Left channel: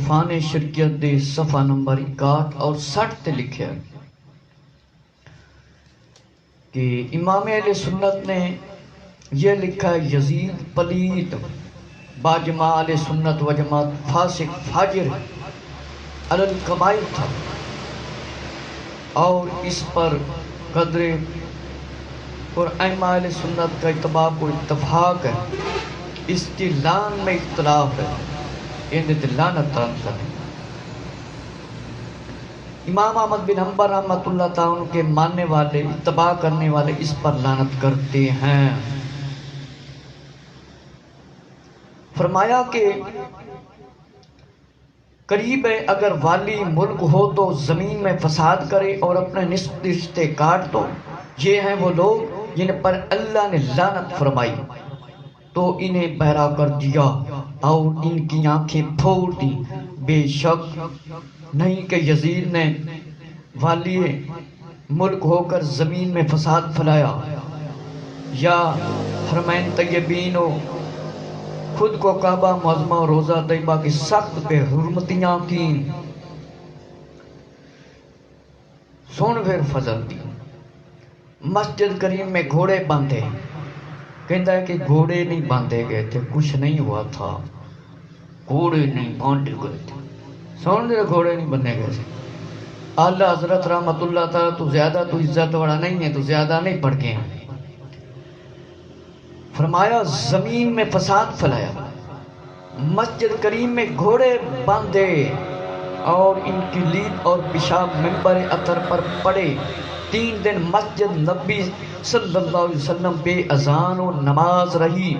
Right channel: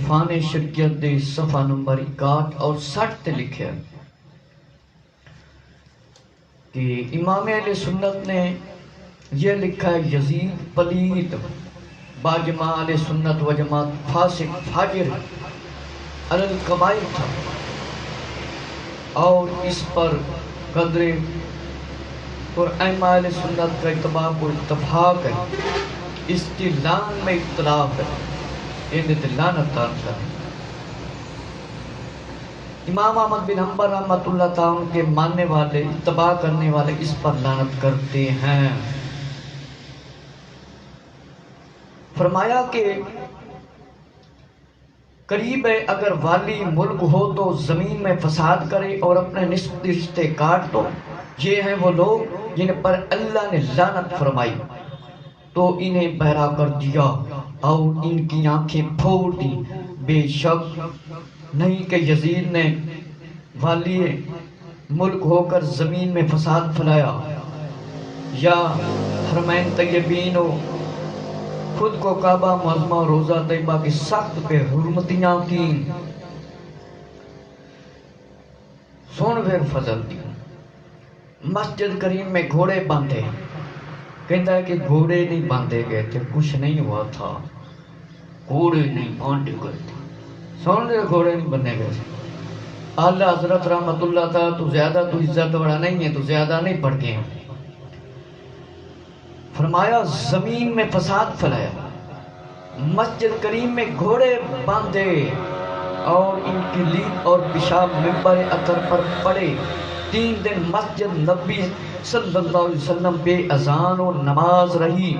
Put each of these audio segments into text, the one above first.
عرفان شریعت دے صفحہ نمبر 61 اور 60 تے لکھیا کہ امام اہل سنت نے یہ لکھا ہے یزید پلید باجماع اہل سنت و جماعت فاسق فاجر علی القبائل تھا، اور اس پر قدر اور ائمہ اہل سنت کا اتباق و اتفاق ہے، اس کی لان میں اختلاف ہے، انہیں لعنت کریں۔ امام احمد بن حنبل رحمۃ اللہ تعالیٰ کے ماننے والے اتباع کرنے والے اس پر لعنت کرتے ہیں۔ فرمایا کہ قریب ہے اگر والی ملک ہو تو زمین میں فساد کرے اور اپنے نسبتی رشتے کاٹ دو، یہ ہیں وہ لوگ جن پر اللہ نے لعنت فرمائی تو انہیں بہرا کر دیا اور ان کی آنکھیں پھوڑ دی۔ بے شک نہیں کہ یزید نے والی ملک ہو کر زمین میں فساد پھیلایا یا حرمین طیبین و خود کو کعبہ معظمہ و روزہ طیبہ کی سخت بے حرمتیاں کی، سن پھر فضل دی۔ مسجد کریم میں گھوڑے باندھے، کہتا ہے کہ گھوڑے نہیں باندھے گئے تھے، کچھ نہیں ہوا تھا، گھوڑے نہیں باندھے گئے تھے، سن دے گھوڑے نہیں بندھے گئے تھے۔ اعلیٰ حضرت رحمت اللہ تعالیٰ تو زیادہ تو عزت والا نہیں ہے، تو زیادہ نہیں پڑھ گئے۔ فرمایا زمین میں فساد پھیلایا، مسجد کریم میں گھوڑے باندھے اور ان کی لید اور پیشاب منبر اطہر پر پڑے۔ 3 دن مسجد نبی صلی اللہ علیہ وسلم بے اذان و نماز رہی۔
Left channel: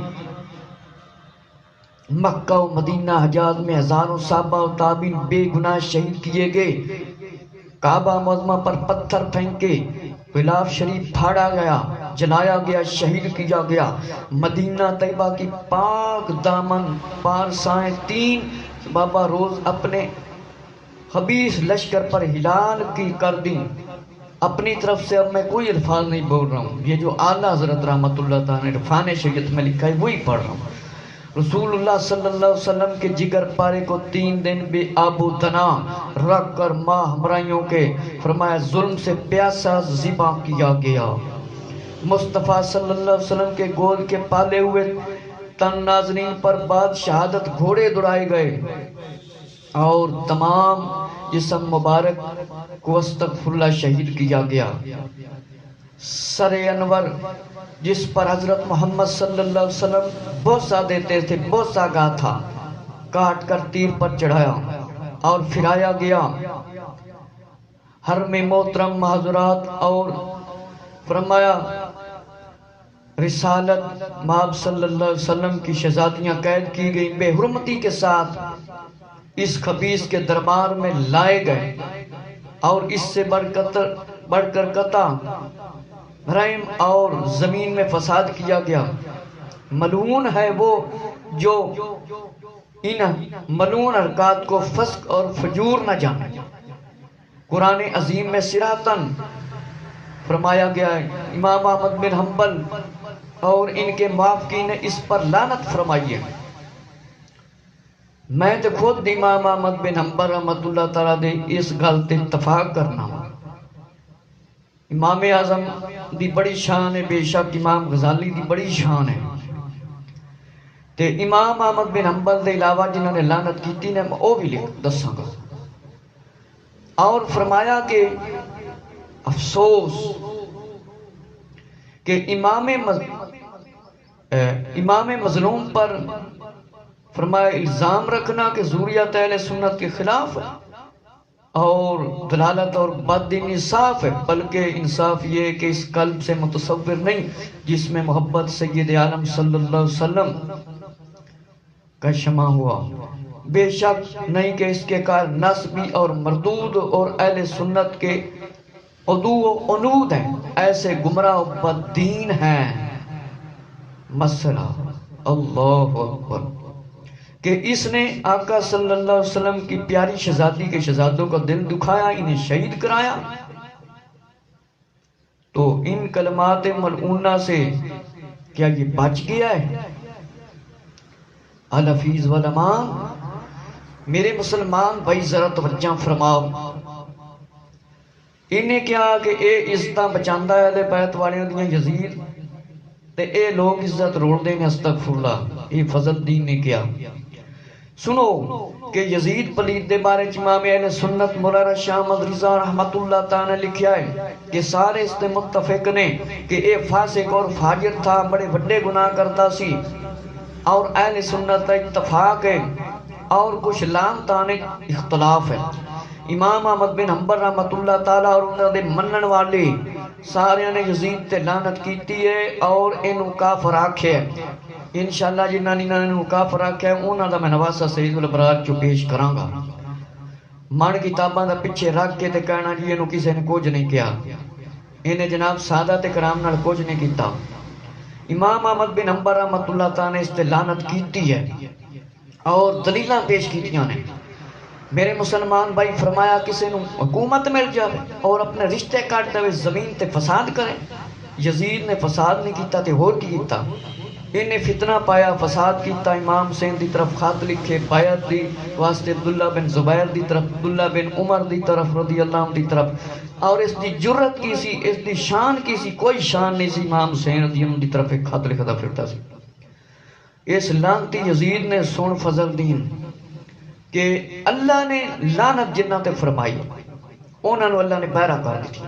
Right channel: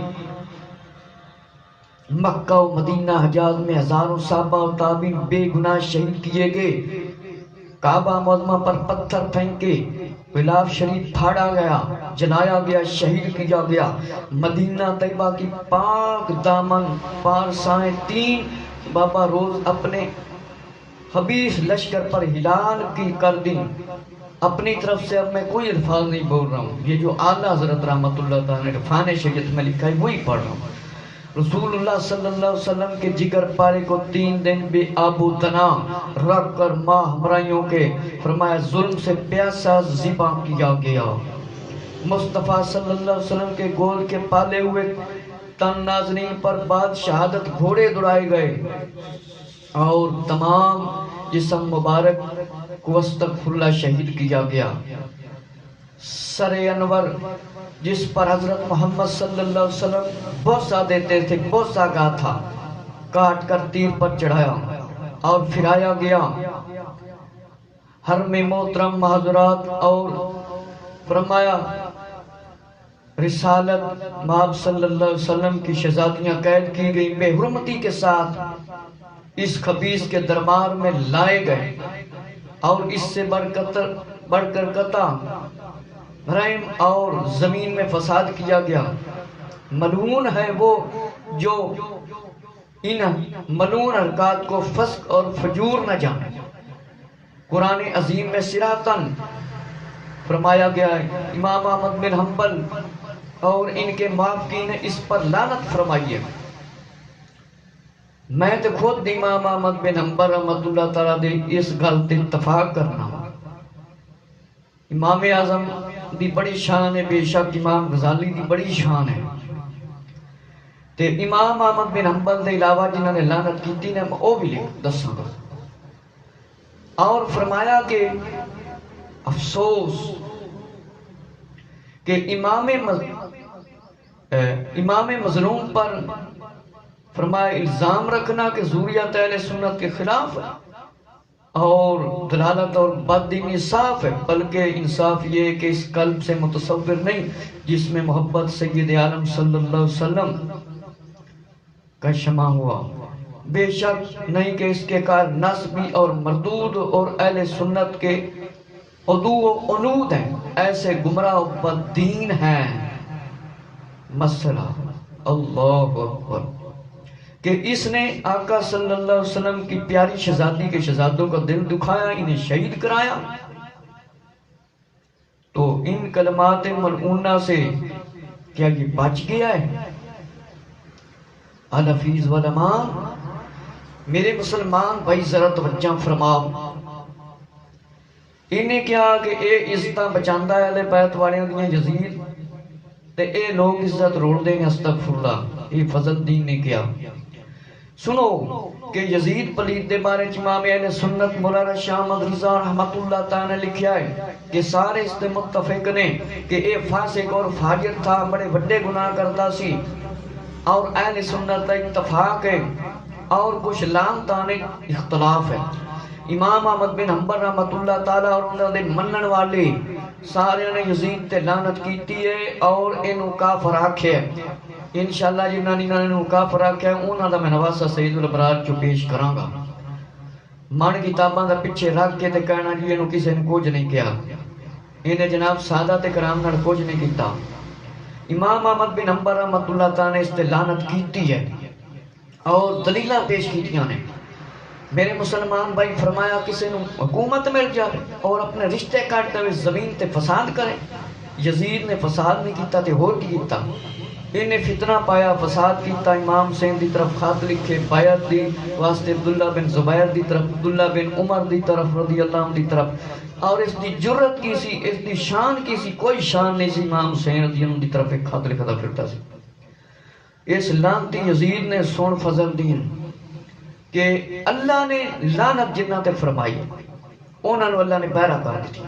مکہ و مدینہ حجاز میں ہزاروں صحابہ و تابعین بے گناہ شہید کیے گئے۔ کعبہ معظمہ پر پتھر پھینکے، غلاف شریف پھاڑا گیا، جلایا گیا، شہید کیا گیا۔ مدینہ طیبہ کی پاک دامن پارسائیں 3 بابا روز اپنے خبیث لشکر پر ہلال کی کر دی۔ اپنی طرف سے اب میں کوئی الفاظ نہیں بول رہا ہوں، یہ جو اعلیٰ حضرت رحمت اللہ تعالیٰ نے عرفان شریعت میں لکھا ہے وہی پڑھ رہا ہوں۔ رسول اللہ صلی اللہ علیہ وسلم کے جگر پارے کو 3 دن بے آب و تنا رکھ کر ماہ ہمراہیوں کے فرمایا ظلم سے پیاسا ذبح کیا گیا۔ مصطفیٰ صلی اللہ علیہ وسلم کے گول کے پالے ہوئے تن ناظرین پر بعد شہادت گھوڑے دوڑائے گئے اور تمام جسم مبارک کو استغفر اللہ شہید کیا گیا۔ سر انور جس پر حضرت محمد صلی اللہ علیہ وسلم بوسہ دیتے تھے، بوسہ گاہ تھا، کاٹ کر تیر پر چڑھایا اور پھرایا گیا۔ حرم محترم حضرات اور فرمایا رسالت مآب صلی اللہ علیہ وسلم کی شہزادیاں قید کی گئی، بے حرمتی کے ساتھ اس خبیث کے دربار میں لائے گئے اور اس سے بڑھ کر قطع رحم اور زمین میں فساد کیا گیا۔ ملعون ہے وہ جو ان ملعون حرکات کو فسق اور فجور نہ جانے۔ قرآن عظیم میں صراطاً فرمایا گیا ہے، امام احمد بن حنبل اور ان کے موافقین نے اس پر لعنت فرمائی ہے۔ میں تو خود امام احمد بن حنبل رحمت اللہ تعالیٰ دے اس گل تے اتفاق کرنا ہوں۔ امام اعظم دی بڑی شان ہے، بے شک امام غزالی دی بڑی شان ہے، تے امام احمد بن حنبل دے علاوہ جنہوں نے لعنت کی نے وہ بھی لکھ دساں گا۔ اور فرمایا کہ افسوس کہ امام مظلوم پر فرمایا الزام رکھنا کہ ذریت اہل سنت کے خلاف ہے اور دلالت اور بد انصاف ہے، بلکہ انصاف یہ ہے کہ اس قلب سے متصور نہیں جس میں محبت سید عالم صلی اللہ علیہ وسلم کا شمع ہوا۔ بے شک نہیں کہ اس کے کار نسبی اور مردود اور اہل سنت کے عدو و عنود ہیں، ایسے گمراہ و بددین ہیں۔ مسئلہ اللہ اکبر کہ اس نے آقا صلی اللہ علیہ وسلم کی پیاری شہزادی کے شہزادوں کا دل دکھایا، انہیں شہید کرایا، تو ان کلمات ملعونہ سے کیا یہ بچ گیا ہے؟ الحفیظ والامام میرے مسلمان بھائی ذرا توجہ فرماؤ، انہیں کیا کہ اے عزتاں بچاندا ہے اہل بیت والیاں دیاں یزید تے اے لوگ عزت روڑ دیں گے، استغفر اللہ، یہ فضل الدین نے کیا۔ سنو کہ یزید پلید دے بارے امام اہل سنت مولانا شاہ احمد رضا رحمت اللہ تعالی نے لکھیا ہے کہ سارے اس تے متفق نے کہ اے فاسق اور فاجر تھا، بڑے بڑے گناہ کرتا سی، اور اہل سنت کا اتفاق ہے، اور کچھ لعنتانے اختلاف ہے۔ امام احمد بن حنبل رحمت اللہ تعالی اور انہاں دے منن والے سارے نے یزید تے لعنت کیتی ہے اور اینو کافر آکھیا ہے۔ انشاءاللہ جنہاں نے اینو کافر آکھیا ہے انہاں دا میں نواسہ سید الابرار چو پیش کراں گا۔ من کتاباں دا پیچھے رکھ کے تے کہنا جی اینو کسی نے کچھ نہیں کیا، انہیں جناب سادہ تے کرام نال کچھ نہیں کیتا۔ امام احمد بن حنبل رحمت اللہ تعالی نے اس تے لعنت کیتی ہے اور دلیلاں پیش کیتیاں نے۔ میرے مسلمان بھائی فرمایا کسی نو حکومت مل جائے اور اپنے رشتے کاٹتے ہوئے زمین تے فساد کرے، یزید نے فساد نہیں کیتا تے ہور کی کیتا، انہیں فتنہ پایا، فساد کیتا، امام حسین دی طرف خط لکھے بیعت دی واسطے عبداللہ بن زبیر دی طرف، عبداللہ بن عمر دی طرف رضی اللہ عنہ دی طرف، اور اس دی جرت کی سی، اس دی شان کی سی، کوئی شان نہیں سی، امام حسین رضی اللہ عنہ دی طرف ایک خط لکھتا پھرتا سی۔ اس لعنتی یزید نے سن فضل الدین کہ اللہ نے لعنت جنہ تے فرمائی، انہاں نو اللہ نے بہرا کر دیتی،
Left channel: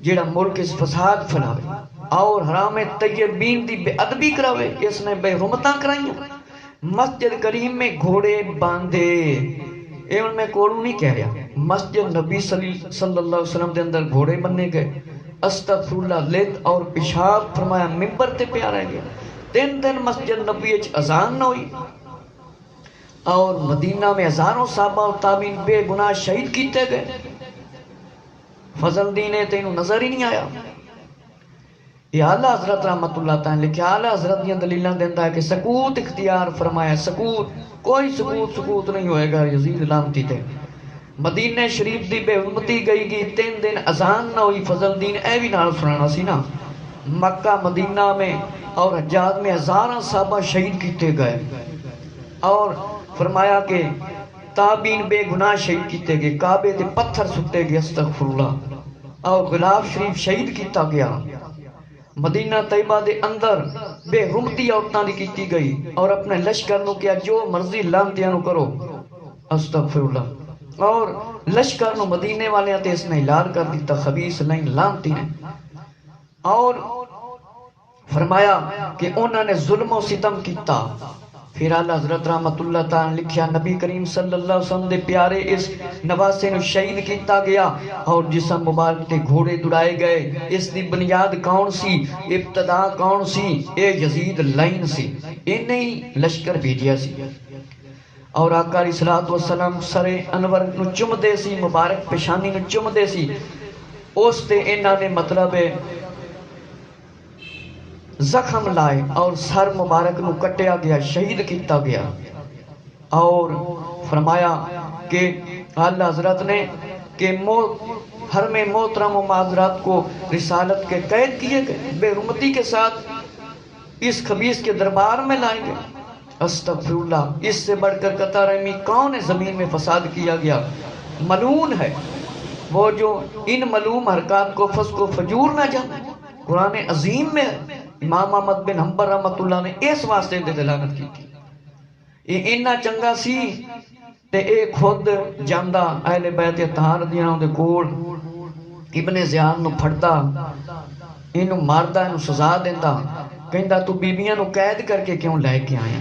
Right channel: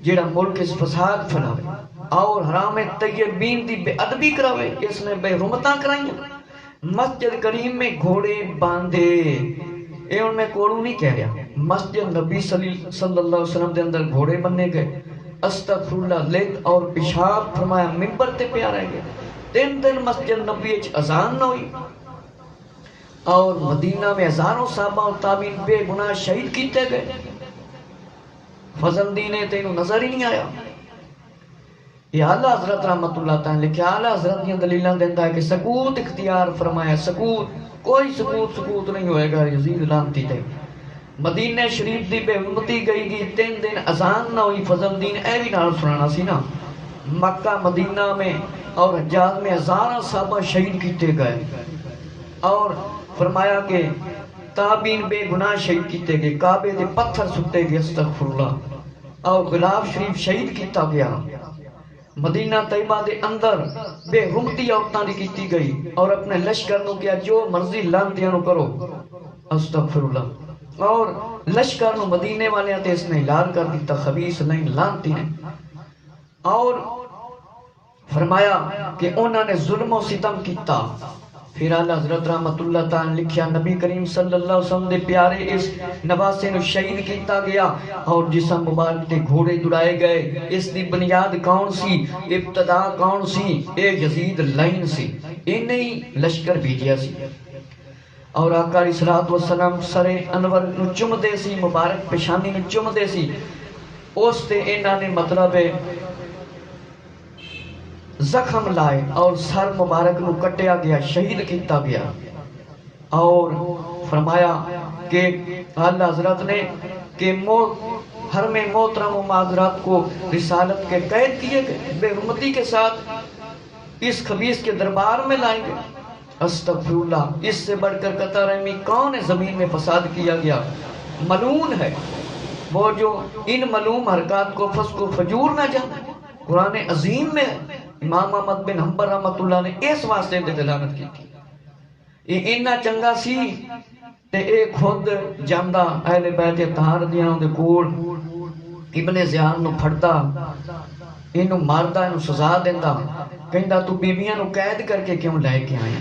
جیڑا ملک اس فساد پھیلاوے اور حرام طیبین دی بے ادبی کراوے، اس نے بے حرمتاں کرائیں، مسجد کریم میں گھوڑے باندھے، اے ان میں کوڑوں نہیں کہہ رہا، مسجد نبی صلی اللہ علیہ وسلم دے اندر گھوڑے بننے گئے، استغفر اللہ، لت اور پیشاب فرمایا منبر تے پیا رہ گئے، 3 دن مسجد نبی اچ اذان نہ ہوئی، اور مدینہ میں ہزاروں صحابہ و تابعین بے گناہ شہید کیتے گئے۔ فضل الدین تینوں نظر ہی نہیں آیا۔ یہ اعلیٰ حضرت رحمت اللہ تعالیٰ لکھا، اعلیٰ حضرت یہ دلیلاں دیتا ہے کہ سکوت اختیار فرمایا، سکوت، کوئی سکوت نہیں ہوئے گا یزید لعنتی تے۔ مدینہ شریف دی بے حرمتی گئی گی، 3 دن اذان نہ ہوئی، فضل الدین اے بھی نال سنانا سی نا۔ مکہ مدینہ میں اور حجاز میں ہزاروں صحابہ شہید کیتے گئے، اور فرمایا کہ تابعین بے گناہ شہید کیتے گئے، کعبے تے پتھر سٹے گئے، استغفر اللہ، اور غلاف شریف شہید کیتا گیا۔ مدینہ طیبہ دے اندر بے حرمتی عورتاں دی کیتی گئی، اور اپنے لشکر نو کیا جو مرضی لعنتیاں نو کرو، استغفر اللہ، اور لشکر نو مدینے والے تے اس نے اعلان کر دیتا خبیث لائن لعنتی نے، اور فرمایا کہ انہوں نے ظلم و ستم کیتا۔ پھر اعلیٰ حضرت رحمت اللہ تعالیٰ لکھیا نبی کریم صلی اللہ علیہ وسلم دے پیارے اس نواسے نو شہید کیتا گیا، اور جسم مبارک تے گھوڑے دڑائے گئے۔ اس دی بنیاد کون سی، ابتدا کون سی، اے یزید لائن سی، انہیں لشکر بھیجیا سی، اور آقا علیہ الصلوۃ والسلام سر انور نو چم دے سی، مبارک پیشانی نو چم دے سی، اس تے انہاں نے مطلب زخم لائے اور سر مبارک نو کٹیا گیا، شہید کیتا گیا، اور فرمایا کہ اعلیٰ حضرت نے کہ حرم محترم و معذرات کو رسالت کے قید کیے گئے، بے حرمتی کے ساتھ اس خبیث کے دربار میں لائے گئے، استغفر اللہ۔ اس سے بڑھ کر قطع رحمی کون ہے؟ زمین میں فساد کیا گیا، ملعون ہے وہ جو ان ملعون حرکات کو فسق و فجور نہ جانے۔ قرآن عظیم میں امام احمد بن حنبل رحمت اللہ نے اس واسطے دے دلالت کی تھی، یہ اتنا چنگا سی تے اے خود جاندا اہل بیت اطہار دیاں دے کول ابن زیاد نو پھڑدا، اینو ماردا، اینو سزا دیندا، کہندا تو بیبیاں نو قید کر کے کیوں لے کے آیا؟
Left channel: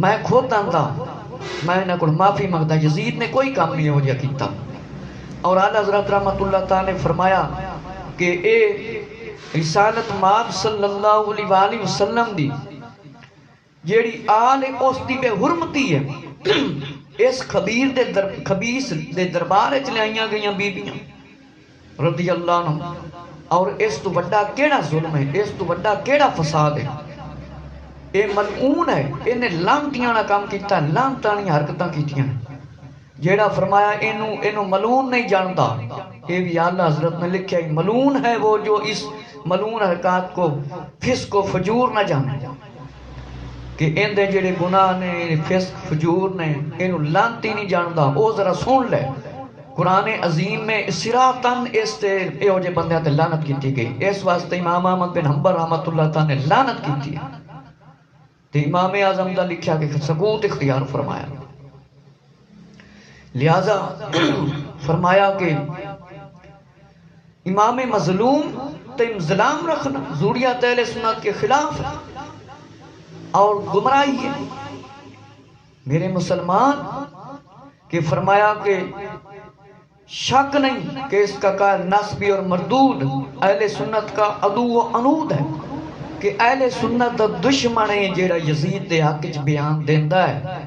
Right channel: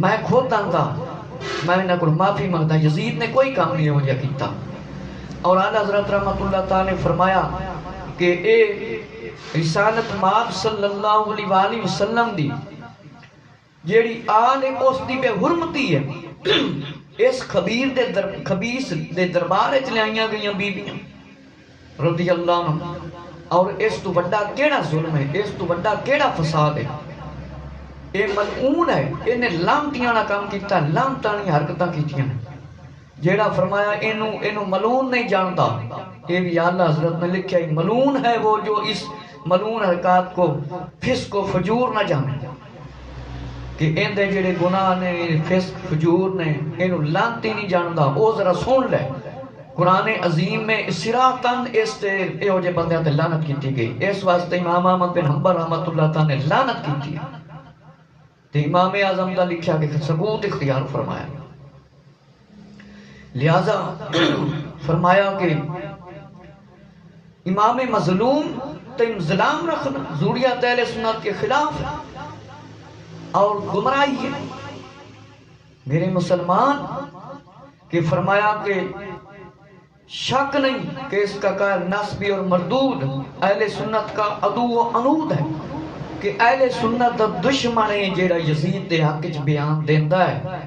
میں خود آندا، میں انہاں کول معافی منگدا، یزید نے کوئی کام نہیں ہو جا کیتا۔ اور اعلیٰ حضرت رحمت اللہ تعالی نے فرمایا کہ اے رسالت ماب صلی اللہ علیہ وآلہ وسلم دی جیڑی آل اس دی بے حرمتی ہے، اس خبیث دے دربار وچ لائیاں گئیاں بیبیاں رضی اللہ عنہ، اور اس تو بڑا کیڑا ظلم ہے، اس تو بڑا کیڑا فساد ہے؟ اے ملعون ہے، انہیں لعنتیاں نہ کام کیتا، لعنتاں حرکتاں کیتیاں، جیڑا فرمایا اینو ملعون نہیں جانتا، یہ بھی اعلیٰ حضرت نے لکھا ہے، ملعون ہے وہ جو اس ملعون حرکات کو فسق و فجور نہ جانے۔ کہ اندے جڑے گناہ نے فسق فجور نے انہوں لانتی نہیں جاندا او ذرا سن لے قرآن عظیم میں صراطن اس تے اے ہو جے بندیاں تے لعنت کیتی گئی اس واسطے امام احمد بن حنبل رحمۃ اللہ تعالی نے لعنت کیتی ہے تے امام اعظم دا لکھیا کہ سکوت اختیار فرمایا لہذا فرمایا کہ امام مظلوم تے ظلام رکھنا ضروریات اہل سنت کے خلاف ہے اور گمراہی ہے میرے مسلمان کہ فرمایا کہ شک نہیں کہ اس کا قائل نسبی اور مردود اہل سنت کا عدو و عنود ہے کہ اہل سنت دا دشمن ہے جیڑا یزید دے حق وچ بیان دیندا ہے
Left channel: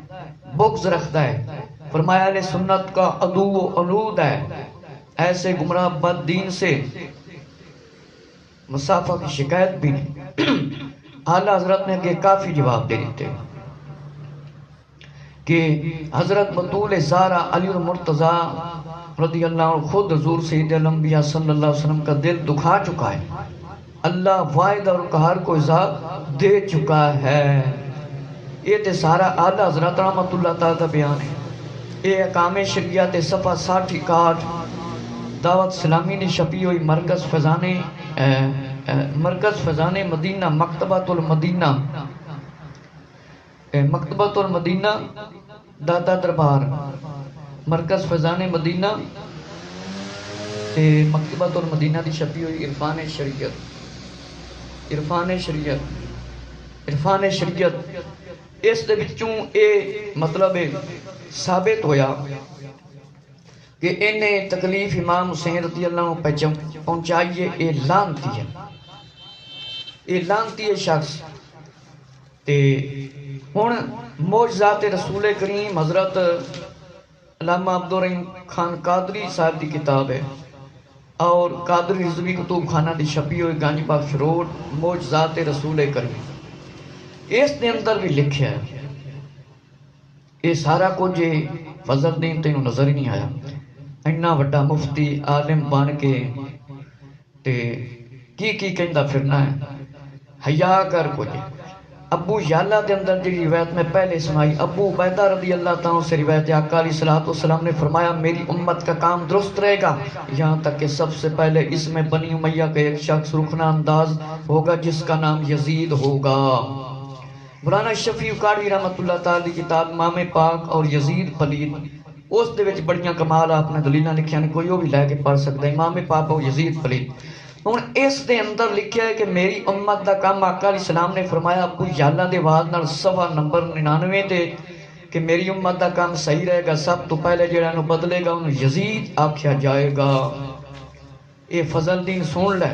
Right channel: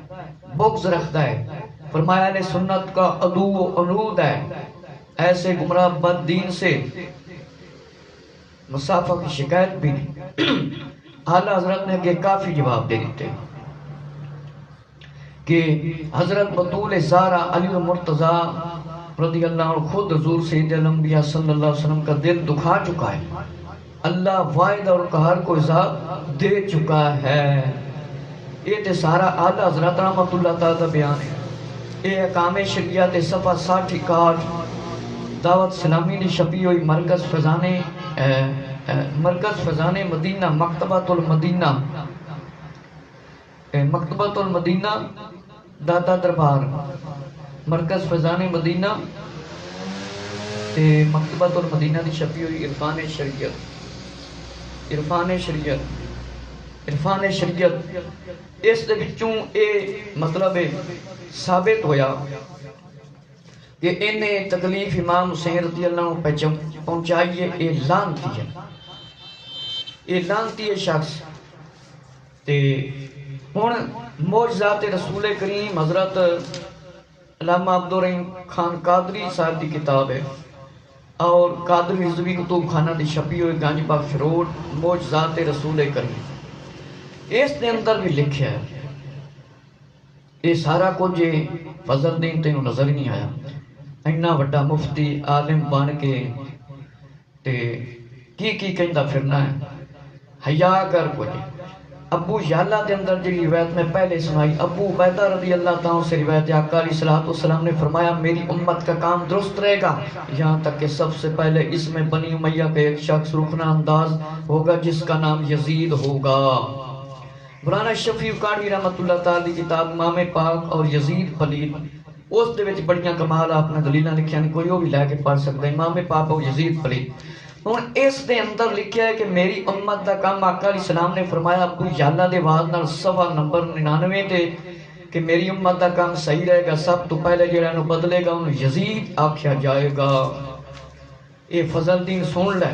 بغض رکھدا ہے فرمایا اہل سنت کا عدو و عنود ہے ایسے گمراہ بد دین سے مسافہ کی شکایت بھی نہیں اعلیٰ حضرت نے کہ کافی جواب دے دیتے کہ حضرت بطول زارہ علی المرتضیٰ رضی اللہ عنہ خود حضور سید الانبیاء صلی اللہ علیہ وسلم کا دل دکھا چکا ہے اللہ واحد اور قہار کو عذاب دے چکا ہے یہ تے سارا اعلیٰ حضرت رحمت اللہ تعالیٰ کا بیان ہے یہ اقام شریعت صفحہ 60 دعوت اسلامی نے چھپی ہوئی مرکز فیضان مدینہ مکتبۃ المدینہ داتا دربار مرکز فیضان مدینہ مکتبۃ المدینہ دی چھپی ہوئی عرفان شریعت اس دے وچوں اے مطلب ثابت ہویا کہ انہیں تکلیف امام حسین رضی اللہ عنہ پہ پہنچائیے اے لانتی ہے شخص تے ہن معجزات رسول کریم حضرت علامہ عبدالرحیم خان قادری صاحب دی کتاب ہے اور قادری رضوی کتب خانہ دی چھپی ہوئی گنج بخش روڈ معجزات رسول کریم اس دے اندر بھی لکھیا ہے یہ سارا کچھ فضل دین تینوں نظر ہی نہیں آیا اینا وڈا مفتی عالم بن کے تے کی کہندا پھرنا ہے حیا کر کچھ ابو یالا دے اندر جو روایت میں پہلے سنائی ابو عبیدہ رضی اللہ تعالیٰ سے روایت آقا علیہ الصلوۃ والسلام نے فرمایا میری امت کا کام درست رہے گا یہاں تک کہ سب سے پہلے اس میں بنی امیہ کا ایک شخص رخنہ انداز ہوگا جس کا نام یزید ہوگا مولانا شفیع کاڑی رحمت اللہ تعالی کی کتاب امام پاک اور یزید پلید اس دے وچ بڑیاں کمال آپ نے دلیلاں لکھیاں نے کوئی وہ بھی لے کے پڑھ سکتا ہے امام پاک اور یزید پلید ہن اس دے اندر لکھیا ہے کہ میری امت دا کام آقا علیہ السلام نے فرمایا ابو یالا دے واز نال صفحہ نمبر 99 تے کہ میری امت دا کام صحیح رہے گا سب تو پہلے جڑا نو بدلے گا انہوں یزید آکھیا جائے گا اے فضل دین سن لے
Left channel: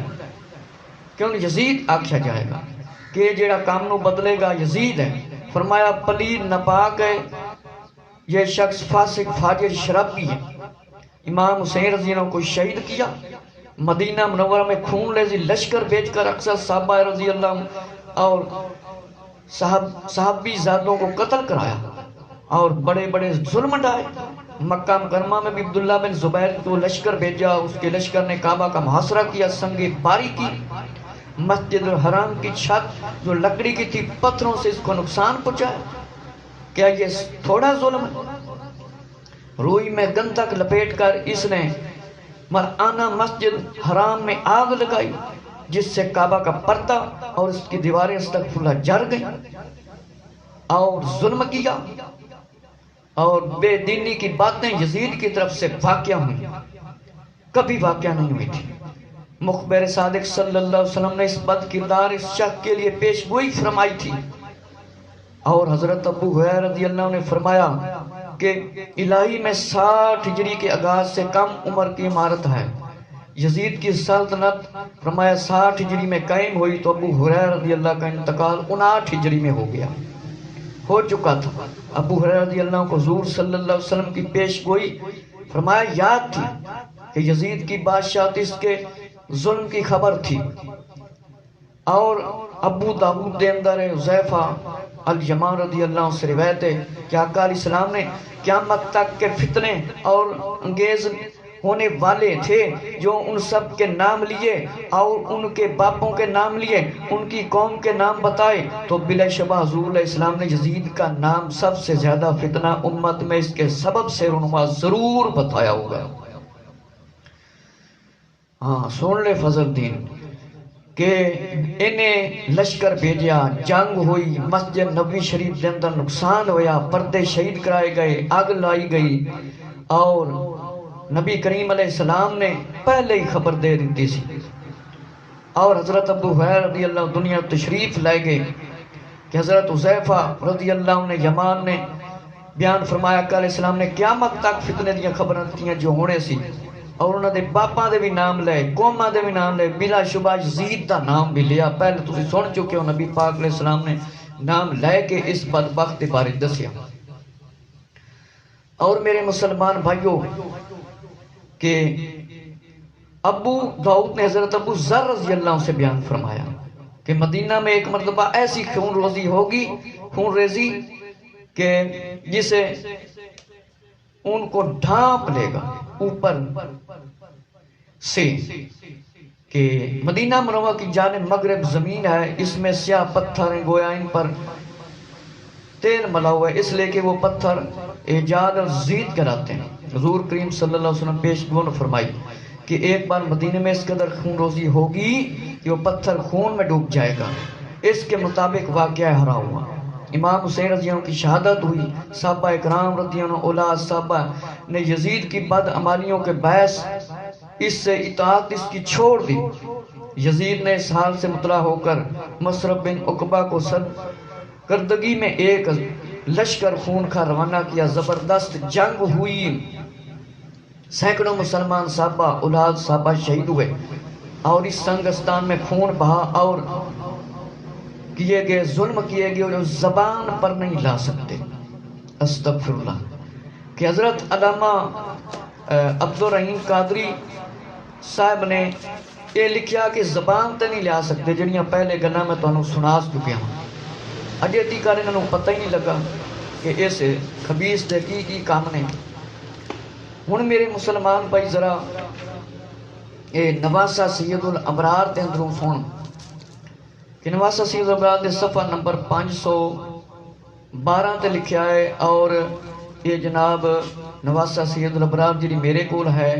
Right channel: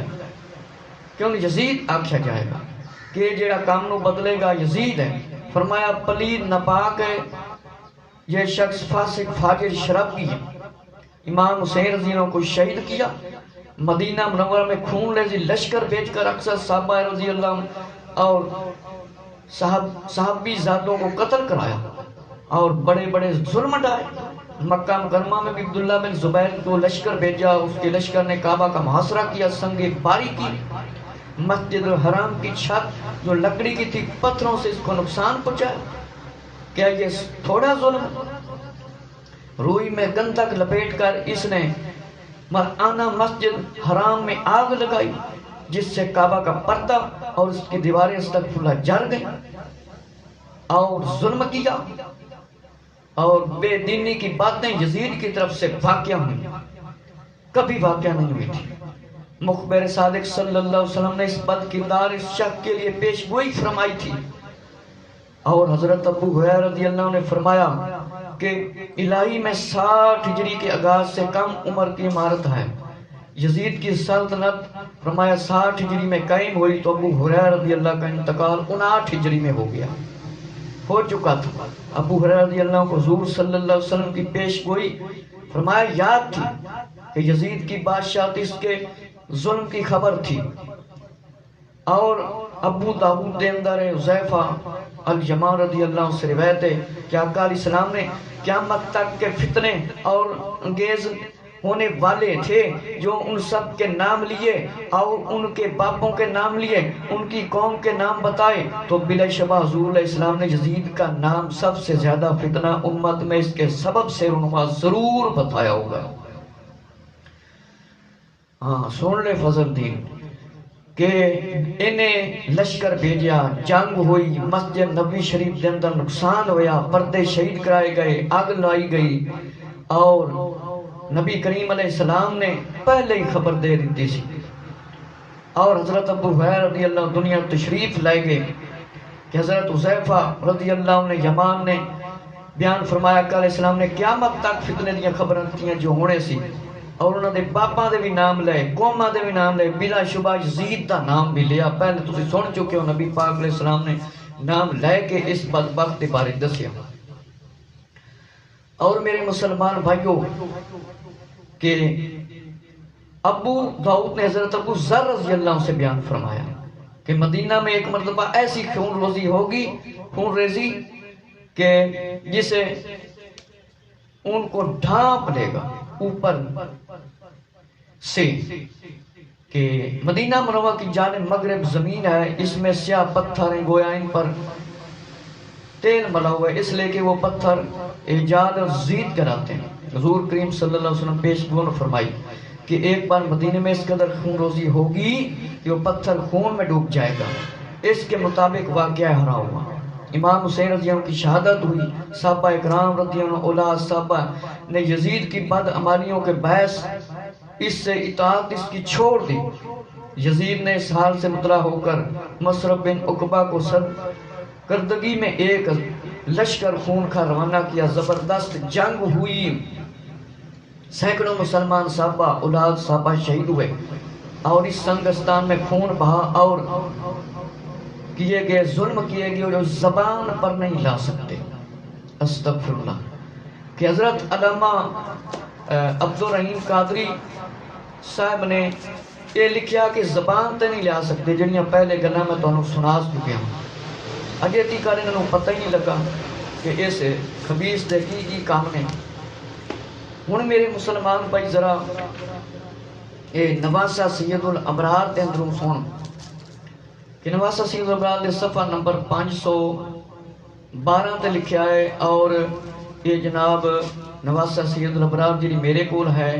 کہ انہوں یزید آکھیا جائے گا کہ جڑا کام نو بدلے گا یزید ہے فرمایا پلید ناپاک ہے یہ شخص فاسق فاجر شرابی ہے امام حسین رضی اللہ کو شہید کیا مدینہ منورہ میں خون ریزی لشکر بیچ کر اکثر صحابہ رضی اللہ اور صحابی ذاتوں کو قتل کرایا اور بڑے بڑے ظلم ڈائے مکہ مکرمہ میں بھی عبداللہ بن زبیر کو لشکر بھیجا اس کے لشکر نے کعبہ کا محاصرہ کیا سنگ باری کی مسجد الحرام کی چھت جو لکڑی کی تھی پتھروں سے اس کو نقصان پہنچایا کیا یہ تھوڑا ظلم ہے روئی میں گندھک لپیٹ کر اس نے مرآنہ مسجد حرام میں آگ لگائی جس سے کعبہ کا پردہ اور اس کی دیواریں استغفراللہ جر گئیں اور ظلم کیا اور بے دینی کی باتیں یزید کی طرف سے واقعہ ہوئی کبھی واقعہ نہیں ہوئی تھی مخبر صادق صلی اللہ علیہ وسلم نے اس بد کردار اس شخص کے لیے پیش گوئی فرمائی تھی اور حضرت ابو ہریرہ رضی اللہ عنہ نے فرمایا کہ الہی میں 60 ہجری کے آغاز سے کم عمر کی عمارت ہے یزید کی سلطنت فرمایا 60 ہجری میں قائم ہوئی تو ابو ہریرہ رضی اللہ کا انتقال 59 ہجری میں ہو گیا ہو چکا تھا ابو ہریرہ رضی اللہ کو حضور صلی اللہ علیہ وسلم کی پیش گوئی فرمایا یاد تھی کہ یزید کی بادشاہت اس کے ظلم کی خبر تھی اور ابو داؤد دے اندر حذیفہ الیمان رضی اللہ عنہ سے روایت ہے کہ آقا علیہ السلام نے قیامت تک کے فتنے اور انگیز ہونے والے تھے جو ان سب کے نام لیے اور ان کے باپوں کے نام لیے، ان کی قوم کے نام بتائے، تو بلا شبہ حضور علیہ السلام نے یزید کا نام سب سے زیادہ فتنہ امت میں اس کے سبب سے رونما ضرور بتایا ہوگا۔ ہاں سن لے فضل الدین کہ انہیں لشکر بھیجیا، جنگ ہوئی، مسجد نبوی شریف کے اندر نقصان ہویا، پردے شہید کرائے گئے، آگ لائی گئی، اور نبی کریم علیہ السلام نے پہلے ہی خبر دے دیتی سی، اور حضرت ابو ہریرہ رضی اللہ عنہ دنیا تشریف لائے گئے کہ حضرت حذیفہ رضی اللہ عنہ یمان نے بیان فرمایا کہ علیہ السلام نے قیامت تک فتنے دیا خبریں دتیاں جو ہونے سی، اور انہوں نے باپاں دے بھی نام لے، قوماں دے بھی نام لے، بلا شبہ یزید دا نام بھی لیا۔ پہلے تسی سن چکے ہو نبی پاک علیہ السلام نے نام لے کے اس بدبخت بارے دسیا۔ اور میرے مسلمان بھائیوں کہ ابو داؤد نے حضرت ابو ذر رضی اللہ عنہ سے بیان فرمایا کہ مدینہ میں ایک مرتبہ ایسی خون ریزی ہوگی، خون ریزی کہ جسے ان کو ڈھانپ لے گا اوپر سے، کہ مدینہ منورہ کی جانب مغرب زمین ہے، اس میں سیاہ پتھر ہیں، گویا ان پر تیل ملا ہوا ہے، اس لئے کہ وہ پتھر ایجاد اور زید کراتے ہیں۔ حضور کریم صلی اللہ علیہ وسلم پیش گون فرمائی کہ ایک بار مدینہ میں اس قدر خون روزی ہوگی کہ وہ پتھر خون میں ڈوب جائے گا۔ اس کے مطابق واقعہ ہرا ہوا، امام حسین رضی اللہ عنہ کی شہادت ہوئی، صحابہ اکرام رضی اللہ عنہ اولاد صحابہ نے یزید کی بد عمالیوں کے باعث اس سے اطاعت اس کی چھوڑ دی۔ یزید نے اس حال سے مطلع ہو کر مصرف بن عقبہ کو سرکردگی میں ایک لشکر خون کا روانہ کیا، زبردست جنگ ہوئی، سینکڑوں مسلمان صحابہ اولاد صحابہ شہید ہوئے، اور اس سنگستان میں خون بہا اور کیے گئے ظلم کیے گئے اور زبان پر نہیں لا سکتے۔ استغفر اللہ کہ حضرت علامہ عبدالرحیم قادری صاحب نے یہ لکھیا کہ زبان تے نہیں لیا سکتے، جنیاں پہلے گلاں میں تانوں سنا چکیا ہوں، اجے تیکر انہوں پتہ ہی نہیں لگا کہ اس خبیث دے کی کام نے۔ ہن میرے مسلمان بھائی ذرا اے نواسہ سید الابرار دے اندروں سن کہ نواسہ سید الابرار دے صفحہ نمبر 512 تے لکھیا ہے، اور یہ جناب نواسہ سید الابرار جی میرے کول ہے،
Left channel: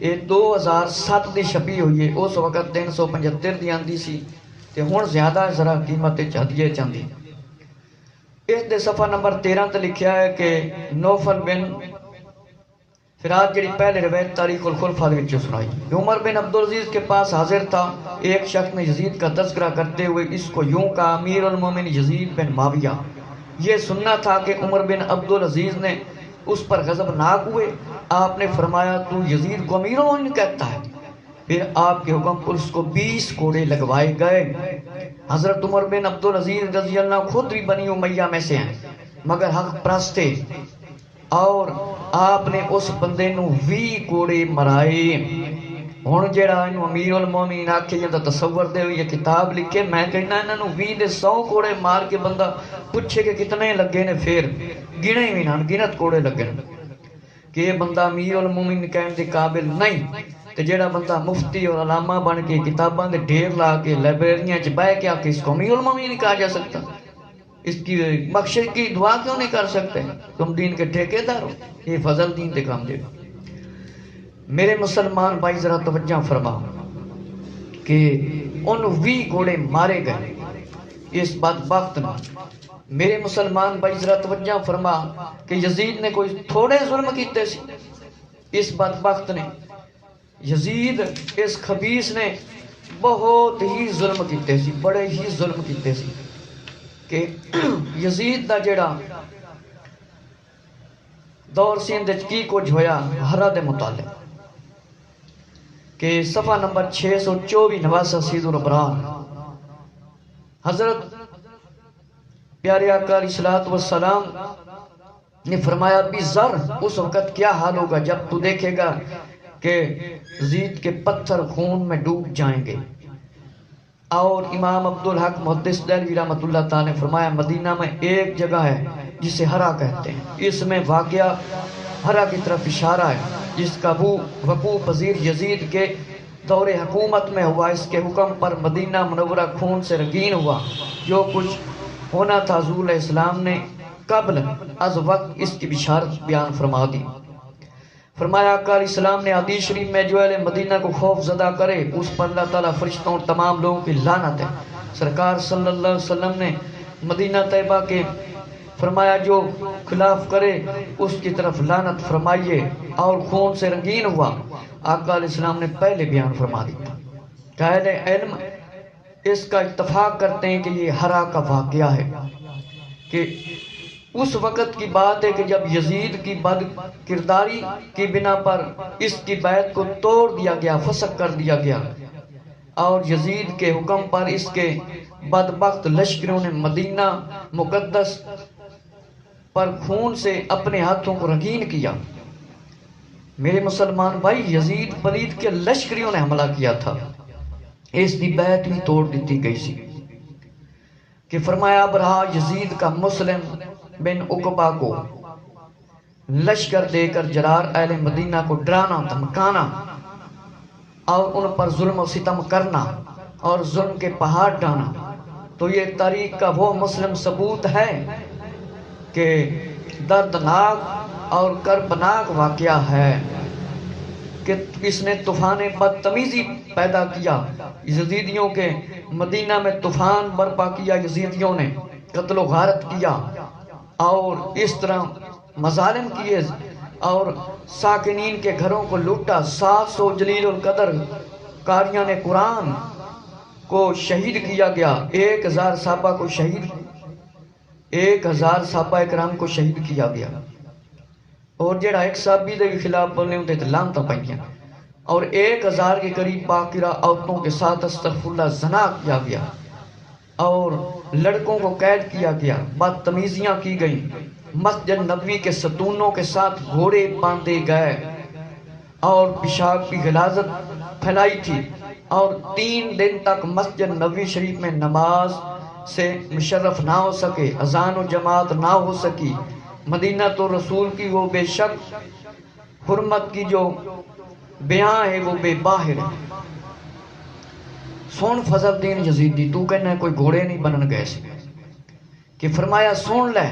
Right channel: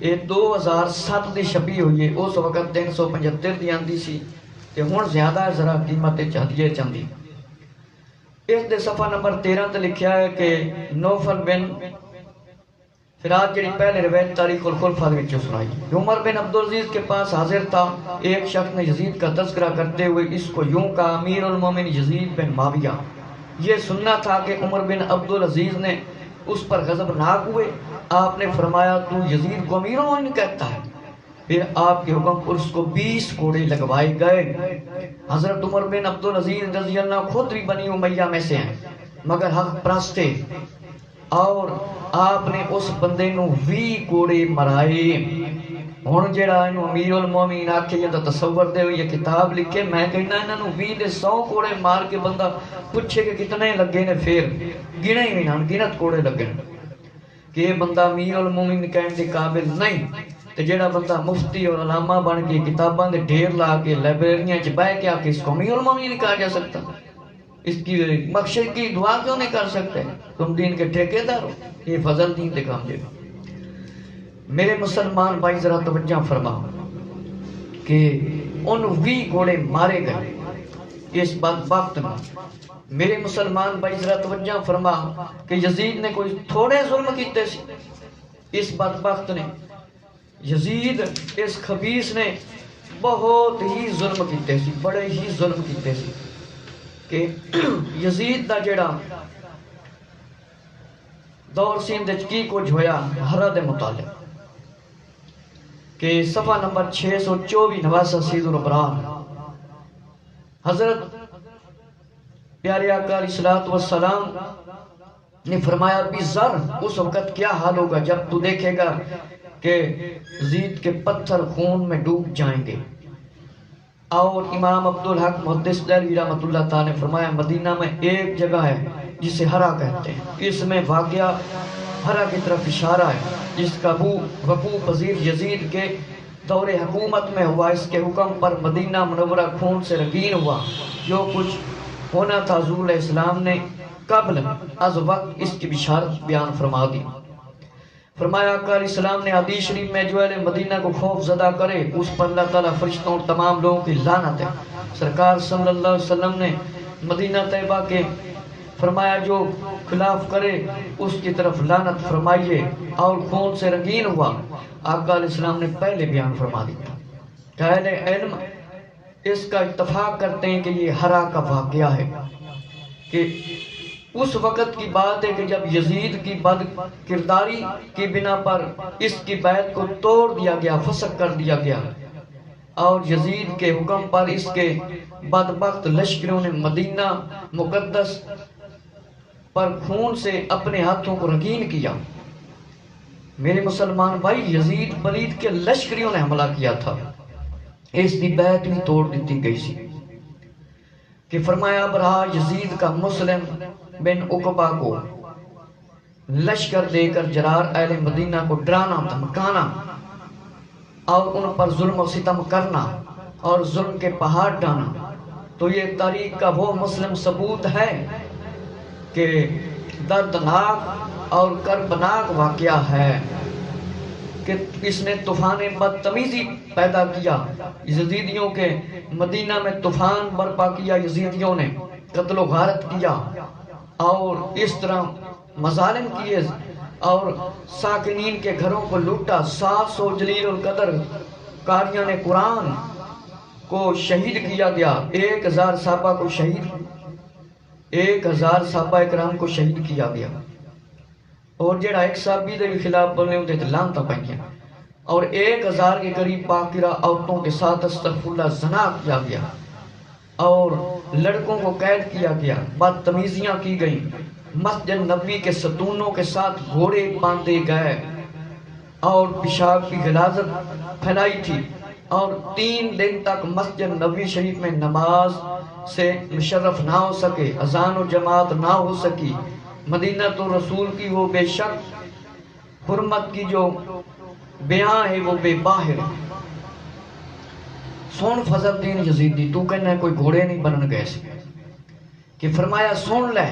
یہ 2007 دی چھپی ہوئی ہے، اس وقت 375 دی آندی سی تے ہن زیادہ ذرا قیمت چاہیے چاندی۔ اس دے صفحہ نمبر 13 تے لکھیا ہے کہ نوفل بن فرات جڑی پہلے روایت تاریخ الخلفاء وچ سنائی کہ عمر بن عبدالعزیز کے پاس حاضر تھا، ایک شخص نے یزید کا تذکرہ کرتے ہوئے اس کو یوں کہا، امیر المومن یزید بن معاویہ۔ یہ سننا تھا کہ عمر بن عبدالعزیز نے اس پر غضبناک ہوئے، آپ نے فرمایا تو یزید کو امیر المومن کہتا ہے؟ پھر آپ کے حکم پر اس کو 20 کوڑے لگوائے گئے۔ حضرت عمر بن عبدالعزیز رضی اللہ عنہ خود بھی بنی امیہ میں سے ہیں مگر حق پرست تھے، اور آپ نے اس بندے نو 20 کوڑے مرائے۔ ہن جڑا امیر المومنین آکھے جندا تصور دے ہوئی یہ کتاب لکھے، میں کہنا انہاں نو 20 دے 100 کوڑے مار کے بندہ پوچھے کہ کتنے لگے نے، پھر گنے ہی نہ گنت کوڑے لگے کہ یہ بندہ امیر المومنین کہنے دے قابل نہیں۔ تے جڑا بندہ مفتی اور علامہ بن کے کتاباں دے ڈھیر لا کے لائبریریاں چ بیٹھ کے آکے اس کو امیر المومنین نہیں کہا جا سکتا؟ اس کی مقصد کی دعا کیوں نہیں کر سکتے؟ تم دین کے ٹھیکے دار ہو، یہ فضل دین دے کام دے۔ میرے مسلمان بھائی ذرا توجہ فرما کہ ان 20 گھوڑے مارے گئے اس بدبخت نہ۔ میرے مسلمان بھائی ذرا توجہ فرما کہ یزید نے کوئی تھوڑے ظلم کیتے سی، اس بدبخت نے، یزید اس خبیث نے بہت ہی ظلم کیتے سی، بڑے ہی ظلم کیتے سی کہ یزید دا جڑا دور سی اندر کی کچھ ہویا ہرا دے متعلق کہ صفحہ نمبر 624 نواسہ سید الابرار، حضرت پیارے آقا علیہ الصلوۃ والسلام نے فرمایا بھی ذر اس وقت کیا حال ہوگا جب تو دیکھے گا کہ یزید کے پتھر خون میں ڈوب جائیں گے۔ اور امام عبدالحق محدث دہلوی رحمۃ اللہ تعالی نے فرمایا مدینہ میں ایک جگہ ہے جسے ہرا کہتے ہیں، اس میں واقعہ ہرا کی طرف اشارہ ہے۔ جس کا وقوع پذیر یزید کے دور حکومت میں ہوا، اس کے حکم پر مدینہ منورہ خون سے رنگین ہوا۔ جو کچھ ہونا تھا حضور علیہ السلام نے قبل از وقت اس کی بشارت بیان فرما دی۔ فرمایا آقا علیہ السلام نے حدیث شریف میں جو اہل مدینہ کو خوف زدہ کرے اس پر اللہ تعالیٰ فرشتوں اور تمام لوگوں کی لعنت ہے۔ سرکار صلی اللہ علیہ وسلم نے مدینہ طیبہ کے فرمایا جو خلاف کرے اس کی طرف لعنت فرمائیے، اور خون سے رنگین ہوا۔ آقا علیہ السلام نے پہلے بیان فرما دیا کہ اہل علم اس کا اتفاق کرتے ہیں کہ یہ ہرا کا واقعہ ہے، کہ اس وقت کی بات ہے کہ جب یزید کی بد کرداری کی بنا پر اس کی بیعت کو توڑ دیا گیا، فسخ کر دیا گیا، اور یزید کے حکم پر اس کے بدبخت لشکروں نے مدینہ مقدس پر خون سے اپنے ہاتھوں کو رنگین کیا۔ میرے مسلمان بھائی، یزید پلید کے لشکریوں نے حملہ کیا تھا، اس کی بیعت بھی توڑ دیتی گئی سی کہ فرمایا اب رہا یزید کا مسلم بن عقبہ کو لشکر دے کر جرار اہل مدینہ کو ڈرانا دھمکانا اور ان پر ظلم و ستم کرنا اور ظلم کے پہاڑ ڈانا، تو یہ تاریخ کا وہ مسلم ثبوت ہے کہ دردناک اور کربناک واقعہ ہے کہ اس نے طوفان بدتمیزی پیدا کیا، یزیدیوں کے مدینہ میں طوفان برپا کیا، یزیدیوں نے قتل و غارت کیا اور اس طرح مظالم کیے اور ساکنین کے گھروں کو لوٹا۔ 700 جلیل القدر قاریان قرآن کو شہید کیا گیا، 1000 صحابہ کو شہید 1000 صحابہ کرام کو شہید کیا گیا، اور جڑا ایک صحابی دے خلاف بولنے ہوتے تھے لانتا پائیاں، اور 1000 کے قریب باقرہ عورتوں کے ساتھ استغفر اللہ زنا کیا گیا، اور لڑکوں کو قید کیا گیا، بدتمیزیاں کی گئیں، مسجد نبوی کے ستونوں کے ساتھ گھوڑے باندھے گئے اور پیشاب کی غلاظت پھیلائی تھی، اور 3 دن تک مسجد نبوی شریف میں نماز سے مشرف نہ ہو سکے، اذان و جماعت نہ ہو سکی۔ مدینہ تو رسول کی وہ بے شک حرمت کی جو بیان ہے وہ بے باہر ہے۔ سن فضل الدین یزیدی، تو کہنا ہے کوئی گھوڑے نہیں بنن گئے سی، کہ فرمایا سن لے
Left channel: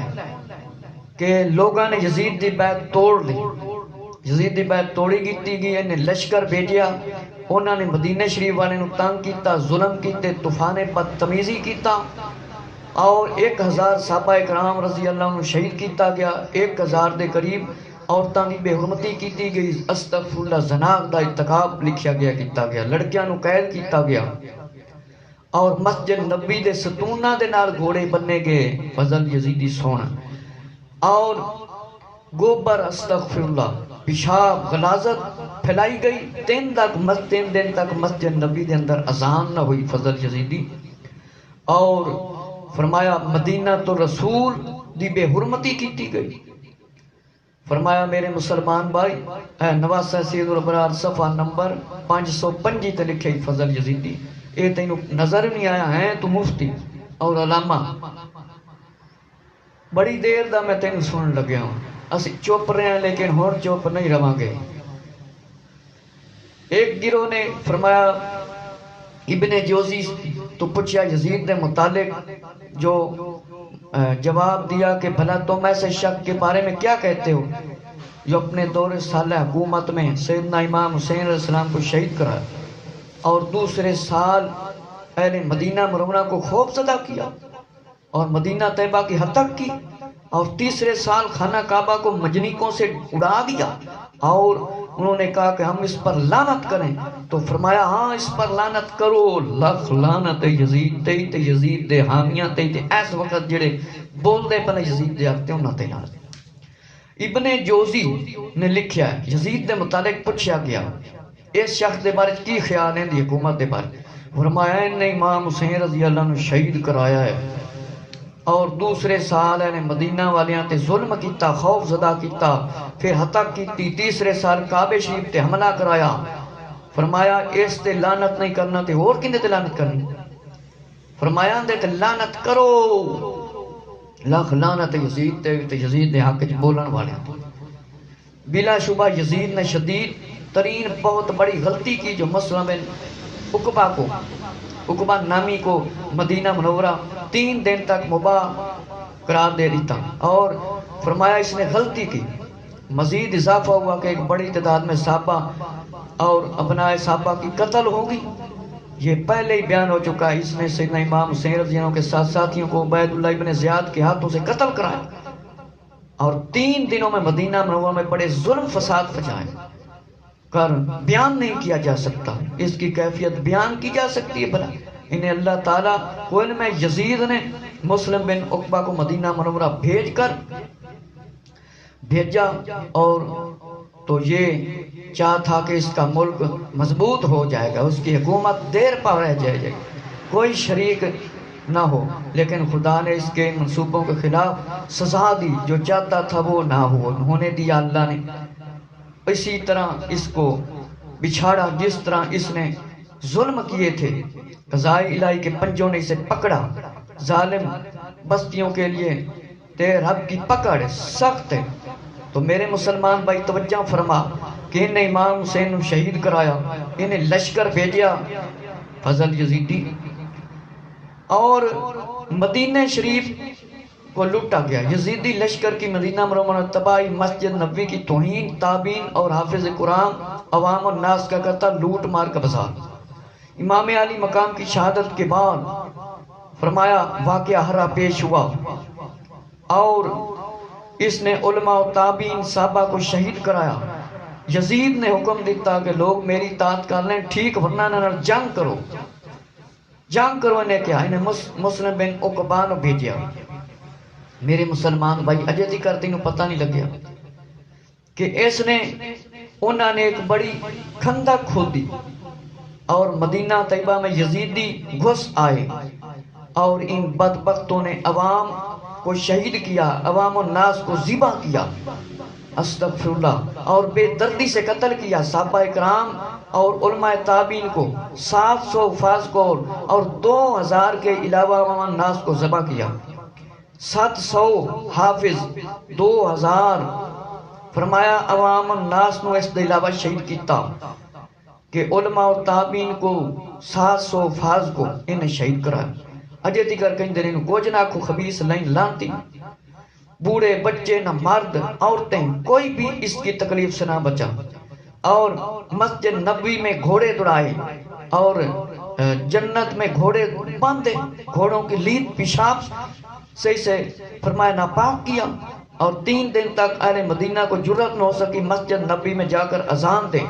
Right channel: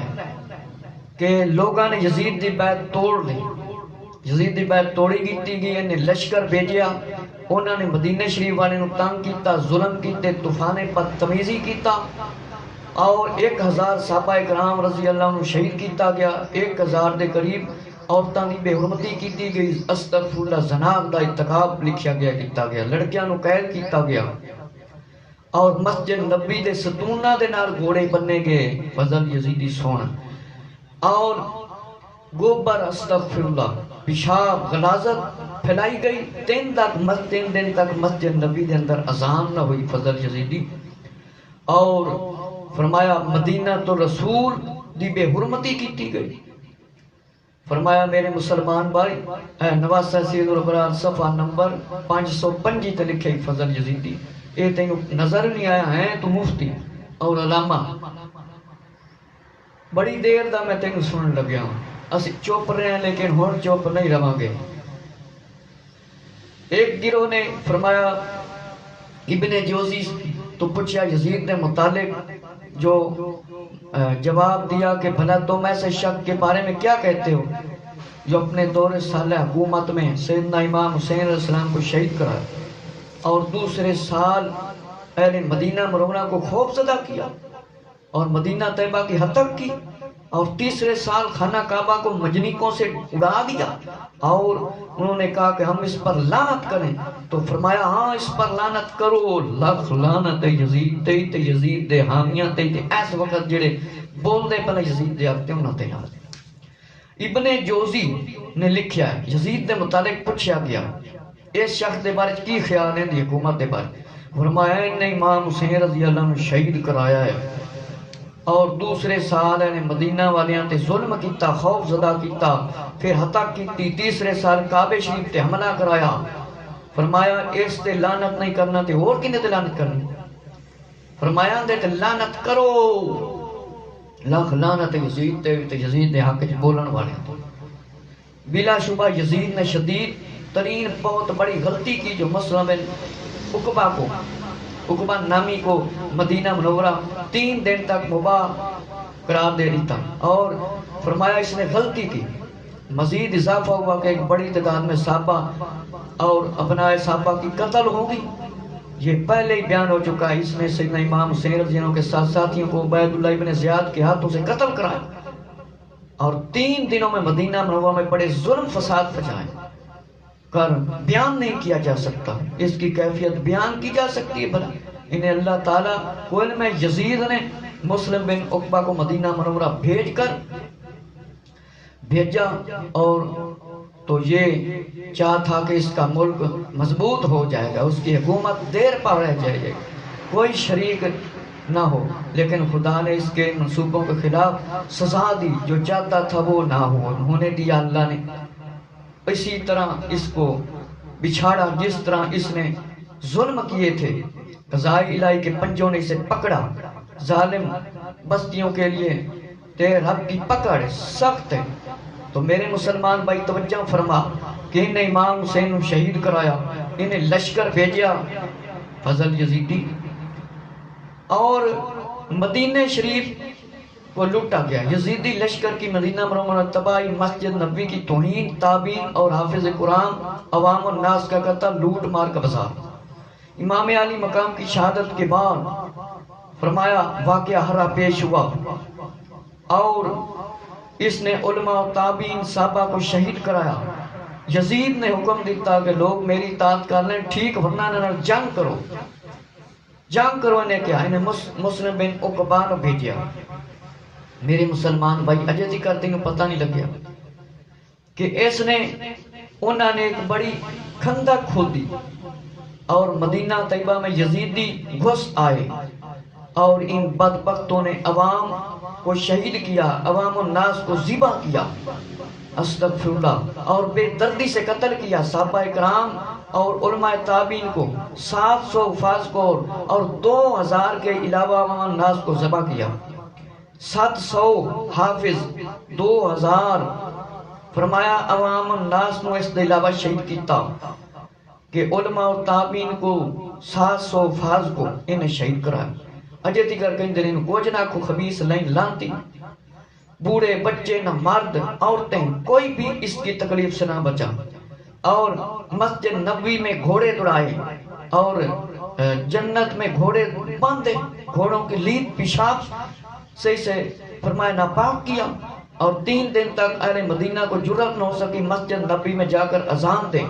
کہ لوگاں نے یزید دی بیعت توڑ لی، یزید دی بیعت توڑی گیتی گئی، انہیں لشکر بھیجیا، انہوں نے مدینہ شریف والے نو تنگ کیتا، ظلم کیتے، طوفان بدتمیزی کیتا، اور 1000 صحابہ کرام رضی اللہ عنہ شہید کیتا گیا، 1000 دے قریب عورتاں دی بے حرمتی کیتی گئی، استغفر اللہ زنا دا ارتکاب لکھیا گیا کیتا گیا، لڑکیاں نو قید کیتا گیا، اور مسجد نبی دے ستونہ دے نال گھوڑے بننے گئے۔ فضل یزیدی سونا اور گوبر استغفر اللہ پیشاب غلاظت پھیلائی گئی، 3 دن تک مسجد نبی دے اندر اذان نہ ہوئی۔ فضل یزیدی اور فرمایا مدینہ تو رسول دی بے حرمتی کیتی گئی۔ فرمایا میرے مسلمان بھائی، نواسہ سید الابرار صفحہ نمبر 505 تے لکھے فضل یزیدی، اے تینوں نظر نہیں آیا ہے تو مفتی اور علامہ، بڑی دیر دا میں تینوں سن لگیا ہوں، اسی چپ رہے ہیں لیکن ہون چپ نہیں رہاں گے۔ ایک گروہ نے فرمایا ابن جوزی تو پوچھا یزید نے متعلق جو جواب دیا کہ بھلا تم ایسے شخص کے بارے میں کیا کہتے ہو جو اپنے دور سالہ حکومت میں سیدنا امام حسین علیہ السلام کو شہید کرا اور دوسرے سال اہل مدینہ منورہ کو خوف زدہ کیا اور مدینہ طیبہ کی ہتک کی، اور تیسرے سال خانہ کعبہ کو مجنیکوں سے اڑا دیا، اور انہوں نے کہا کہ ہم اس پر لعنت کریں، تو فرمایا ہاں اس پر لعنت کرو، لکھ لعنت یزید تے تے یزید دے حامیاں تے تے اس وقت جڑے بول دے پہلے یزید دے آتے انہاں تے نال۔ ابن جوزی نے لکھیا ہے یزید دے متعلق پوچھا گیا اس شخص دے بارے کی خیال ہے دی حکومت دے بارے، فرمایا انہیں امام حسین رضی اللہ عنہ شہید کرایا ہے اور دوسرے سال نے مدینہ والیاں تے ظلم کیتا، خوف زدہ کیتا، پھر ہتک کیتی، تیسرے سال کعبے شریف تے حملہ کرایا، فرمایا اس تے لعنت نہیں کرنا تے اور کنے تے لعنت کرنی، فرمایا دے تے لعنت کرو، لاکھ لعنت یزید تے یزید دے حق وچ بولن والے۔ بلا شبہ یزید نے شدید ترین بہت بڑی غلطی کی جو مسلم بن عقبہ نامی کو مدینہ منورہ 3 دن تک مباح قرار دے دیتا، اور فرمایا اس نے غلطی کی۔ مزید اضافہ ہوا کہ ایک بڑی تعداد میں صحابہ اور ابنائے صحابہ کی قتل ہوگی، یہ پہلے ہی بیان ہو چکا ہے۔ اس نے سیدنا امام حسین رضی اللہ عنہ کے ساتھ ساتھیوں کو عبید اللہ ابن زیاد کے ہاتھوں سے قتل کرایا، اور 3 دنوں میں مدینہ منورہ میں بڑے ظلم فساد پھیلائے کر بیان نہیں کیا جا سکتا، اس کی کیفیت بیان کی جا سکتی ہے بھلا؟ انہیں اللہ تعالیٰ کو علم ہے، یزید نے مسلم بن عقبہ کو مدینہ منورہ بھیجا، اور تو یہ چاہ تھا کہ اس کا ملک مضبوط ہو جائے گا، اس کی حکومت دیر پر رہ جائے گی، کوئی شریک نہ ہو، لیکن خدا نے اس کے منصوبوں کے خلاف سزا دی، جو چاہتا تھا وہ نہ ہونے دیا اللہ نے۔ اسی طرح اس کو بچھاڑا جس طرح اس نے ظلم کیے تھے، قضائے الہی کے پنجوں نے اسے پکڑا۔ ظالم بستیوں کے لیے تیرے رب کی پکڑ سخت ہے۔ تو میرے مسلمان بھائی توجہ فرما کہ انہیں امام حسین شہید کرایا، انہیں لشکر بھیجا فضل یزیدی، اور مدینہ شریف کو لوٹا گیا۔ یزیدی لشکر کی مدینہ منورہ تباہی، مسجد نبوی کی توہین، تابعین اور حافظ قرآن عوام الناس کا قتل، لوٹ مار کا بازار۔ امام علی مقام کی شہادت کے بعد فرمایا واقعہ ہرا پیش ہوا، اور اس نے علماء و تابعین صحابہ کو شہید کرایا۔ یزید نے حکم دیتا کہ لوگ میری اطاعت کر لیں، ٹھیک، ورنہ نہ جنگ کرو۔ جنگ کرو نے کیا؟ انہیں مسلم بن عقبہ نے بھیجیا۔ میرے مسلمان بھائی اجے تھی کرتے انہوں پتہ نہیں لگیا کہ اس نے انہوں نے ایک بڑی کھندق کھودی، اور مدینہ طیبہ میں یزیدی گھس آئے، اور ان بدبختوں نے عوام کو شہید کیا، عوام الناس کو ذبح کیا، استغفر اللہ، اور بے دردی سے قتل کیا۔ صحابہ کرام اور علماء تابعین کو 700 حفاظ کو اور 2000 کے علاوہ عوام الناس کو ذبح کیا۔ 700 حافظ، 2000 فرمایا عوام الناس نو اس دے علاوہ شہید کیتا، کہ علماء و تابعین کو 700 حفاظ کو انہیں شہید کرایا۔ اجے تیکر کہیں دن کو جنا کو خبیث لائن لانتی، بوڑھے بچے نہ مرد عورتیں کوئی بھی اس کی تکلیف سے نہ بچا، اور مسجد نبوی میں گھوڑے دوڑائے، اور جنت میں گھوڑے باندھے، گھوڑوں کی لید پیشاب سے اسے فرمایا ناپاک کیا، اور 3 دن تک اہل مدینہ کو جرأت نہ ہو سکی مسجد نبوی میں جا کر اذان دیں،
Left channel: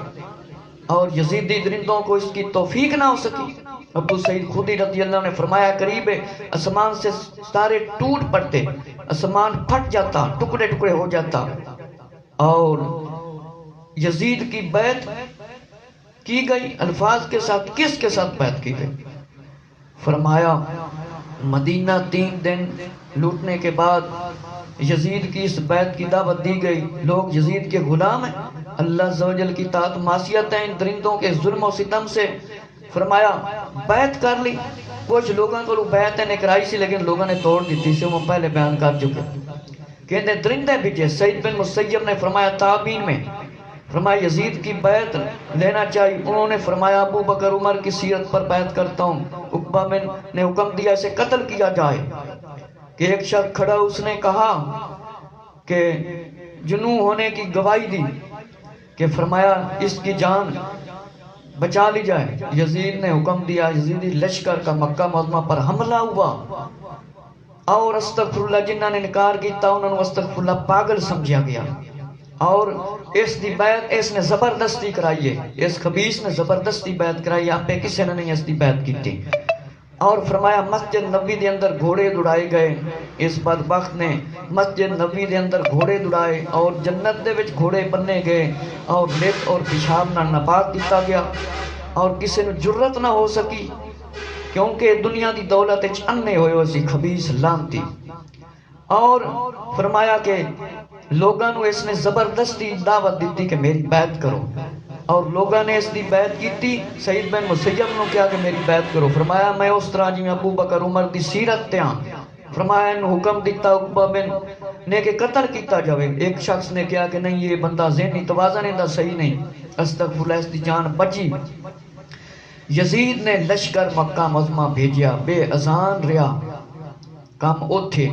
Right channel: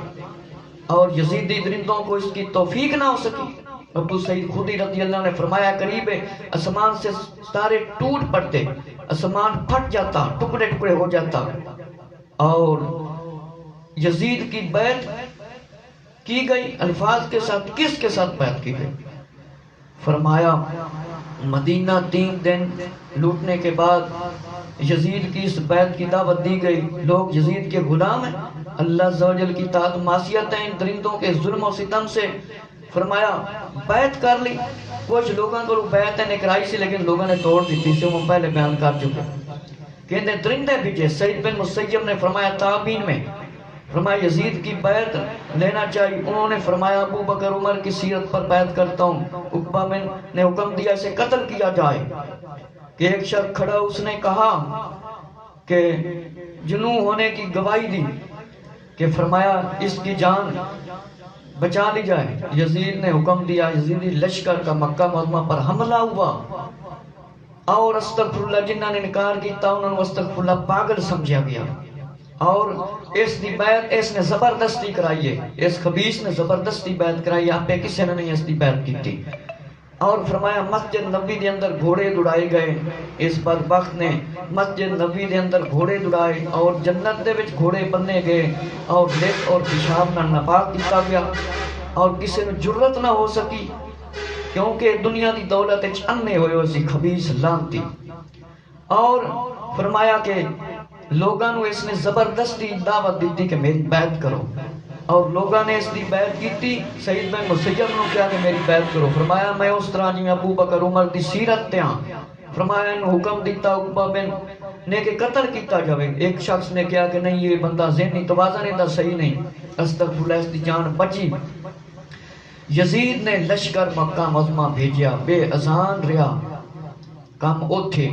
اور یزیدی درندوں کو اس کی توفیق نہ ہو سکی۔ ابو سعید خدری رضی اللہ نے فرمایا قریب آسمان سے ستارے ٹوٹ پڑتے، آسمان پھٹ جاتا، ٹکڑے ٹکڑے ہو جاتا، اور یزید کی بیعت کی گئی الفاظ کے ساتھ۔ کس کے ساتھ بیعت کی گئی؟ فرمایا مدینہ 3 دن لوٹنے کے بعد یزید کی اس بیعت کی دعوت دی گئی، لوگ یزید کے غلام ہیں، اللہ عز و جل کی طاعت معصیت ہے، ان درندوں کے ظلم و ستم سے فرمایا بیعت کر لی۔ کچھ لوگوں کو بیعت نے کرائی سی لیکن لوگوں نے توڑ دی تھی، سے وہ پہلے بیان کر چکے، کہتے درندے بھیجے۔ سعید بن مسیب نے فرمایا تابعین میں فرمایا یزید کی بیعت لینا چاہیے، انہوں نے فرمایا ابو بکر عمر کی سیرت پر بیعت کرتا ہوں۔ عقبہ نے حکم دیا اسے قتل کیا جائے، کہ ایک شخص کھڑا اس نے کہا کہ جنوں ہونے کی گواہی دی، کہ فرمایا اس کی جان بچا لی جائے۔ یزید نے حکم دیا، یزیدی لشکر کا مکہ معظمہ پر حملہ ہوا، اور استغفر اللہ جنہاں نے انکار کیتا انہوں نے استغفر اللہ پاگل سمجھا گیا، اور اس دی بیعت اس نے زبردستی کرائی ہے، اس خبیث نے زبردستی بیعت کرائی، آپ پہ کسی نے نہیں اس دی بیعت کی تھی۔ اور فرمایا مسجد نبوی دے اندر گھوڑے دوڑائے گئے، اس بدبخت نے مسجد نبوی دے اندر گھوڑے دوڑائے، اور جنت دے وچ گھوڑے بننے گئے، اور لت اور پیشاب نہ ناپاک کیتا گیا، اور کسی نے جرت نہ ہو سکی، کیونکہ دنیا دی دولت وچ انے ہوئے اسی خبیث لعنتی۔ اور فرمایا کہ لوگاں نو اس نے زبردستی دعوت دیتی کہ میری بیعت کرو، اور لوگاں نے اس دی بیعت کیتی۔ سعید بن مسیب نے کہا کہ میری بیعت کرو، فرمایا میں اس طرح جی ابو بکر عمر دی سیرت تے ہاں، فرمایا انہوں حکم دیتا عقبہ بن نے کہ قتل کیتا جاوے. ایک شخص نے کہا کہ نہیں یہ بندہ ذہنی توازن دا صحیح نہیں. استغفر اللہ، اس دی جان بچی. یزید نے لشکر مکہ معظمہ بھیجیا، بے اذان رہا کام اوتھے.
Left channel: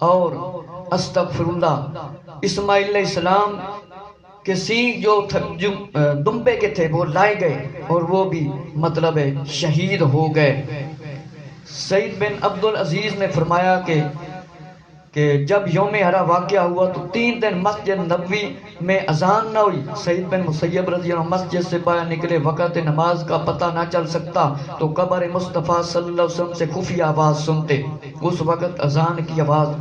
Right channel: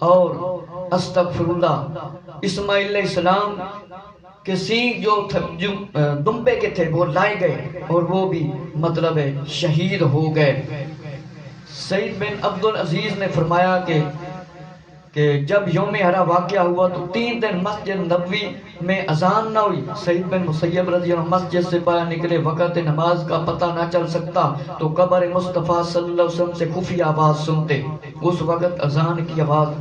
اور استغفر اللہ، اسماعیل علیہ السلام کے سینگ جو دمبے کے تھے وہ لائے گئے اور وہ بھی مطلب ہے شہید ہو گئے. سعید بن عبد العزیز نے فرمایا کہ جب یوم ہرا واقعہ ہوا تو 3 دن مسجد نبوی میں اذان نہ ہوئی. سعید بن مسیب رضی اللہ عنہ مسجد سے باہر نکلے، وقت نماز کا پتہ نہ چل سکتا تو قبر مصطفیٰ صلی اللہ علیہ وسلم سے خفیہ آواز سنتے. اس وقت اذان کی آواز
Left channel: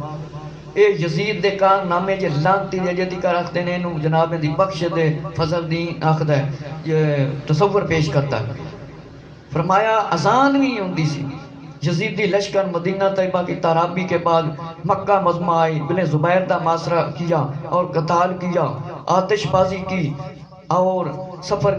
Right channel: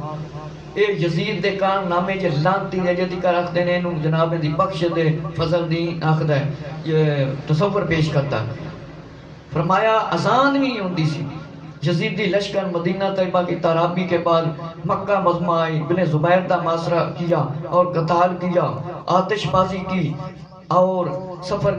اے یزید دے کان نامے جے لانتی دے جدی کر رکھ دینے انہوں جناب دی بخش دے فضل دی آخدہ ہے. یہ تصور پیش کرتا ہے. فرمایا اذان بھی ہوندی سی. یزیدی لشکر مدینہ طیبہ کی تارابی کے بعد مکہ معظمہ آئی، بن زبیر دا محاصرہ کیا اور قتال کیا، آتش بازی کی اور سفر